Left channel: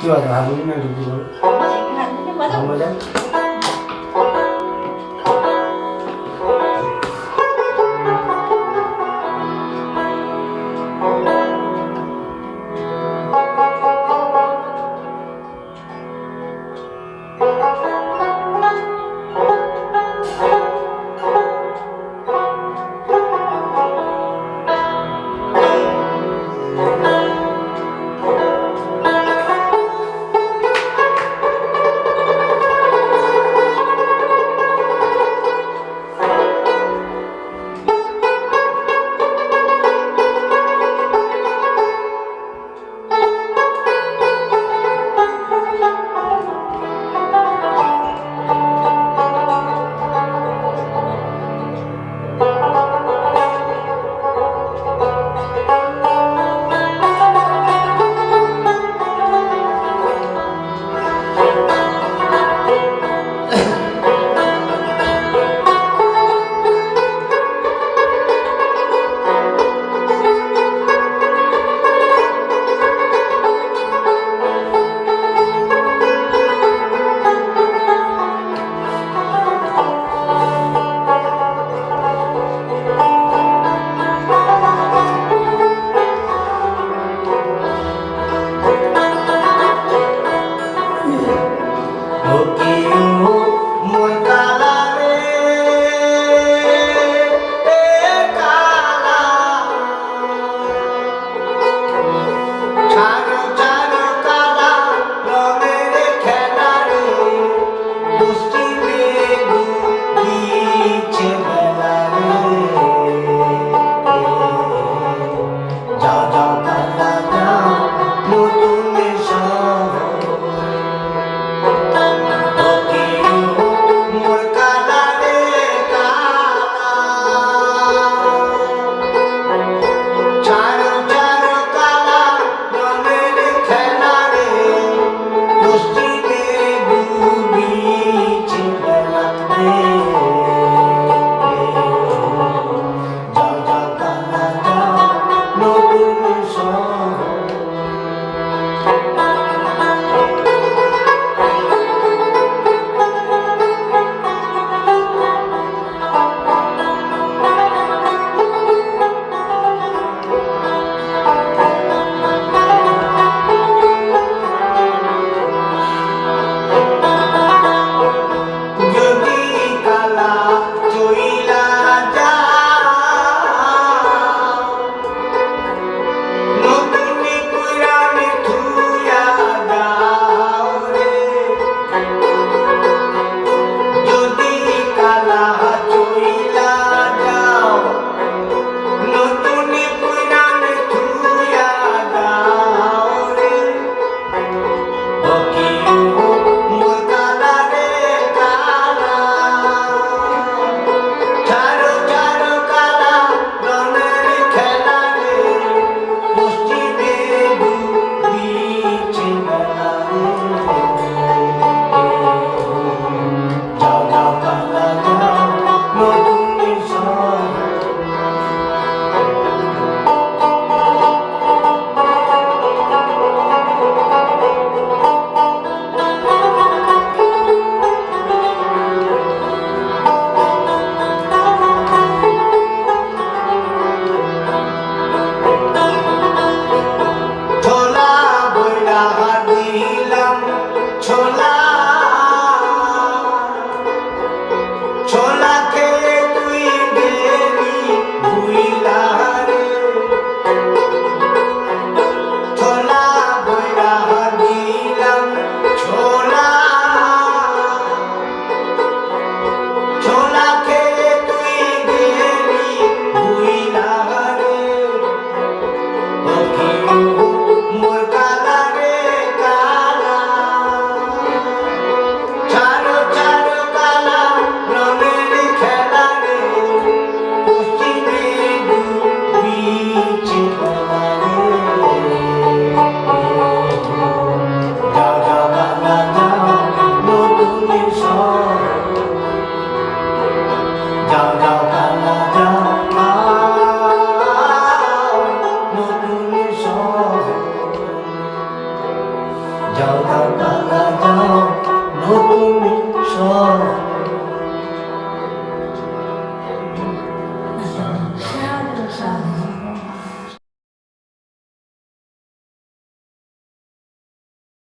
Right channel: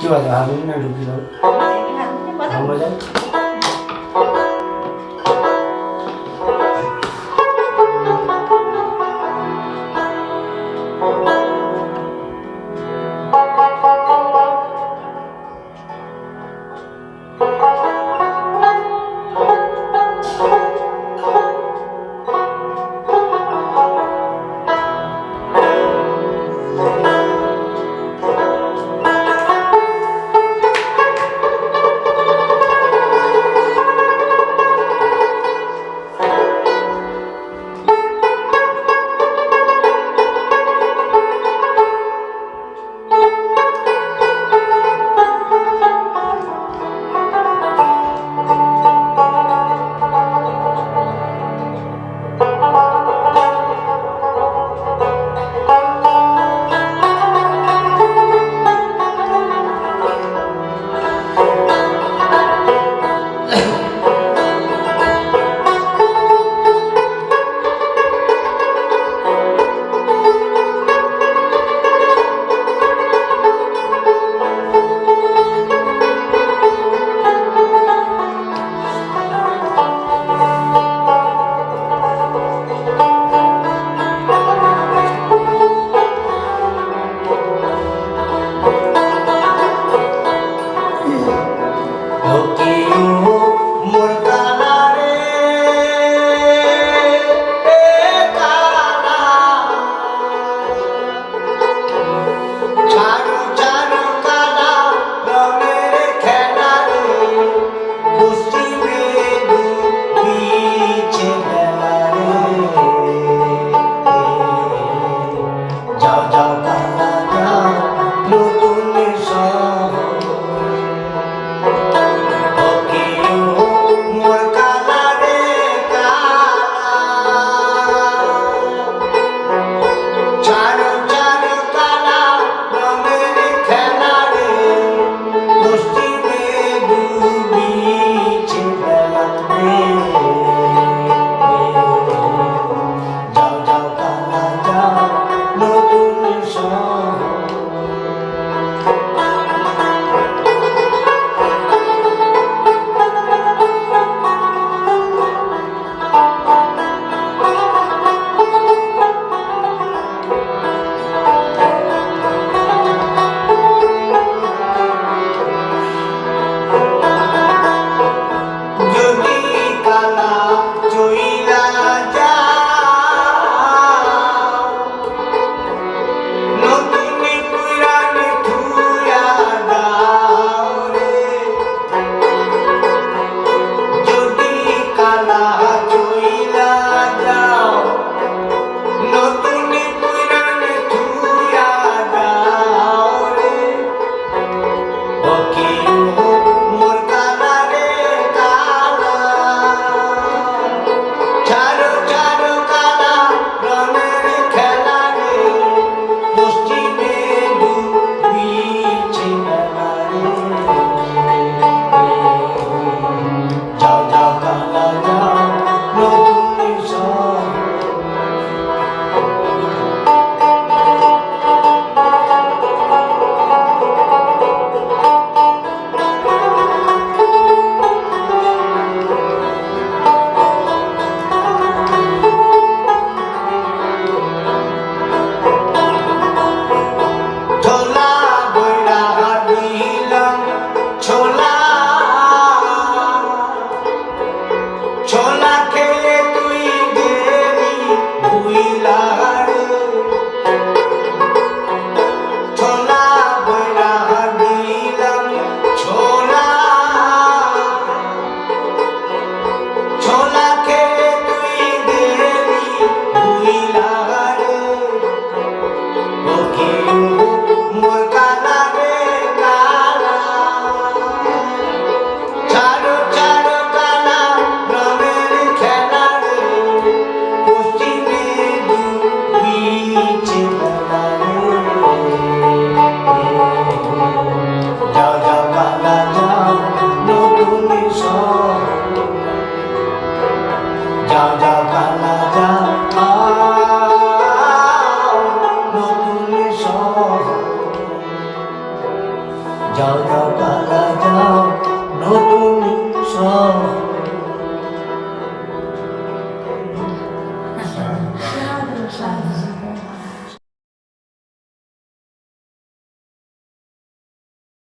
કેવા છે? હારું ને ડૂબી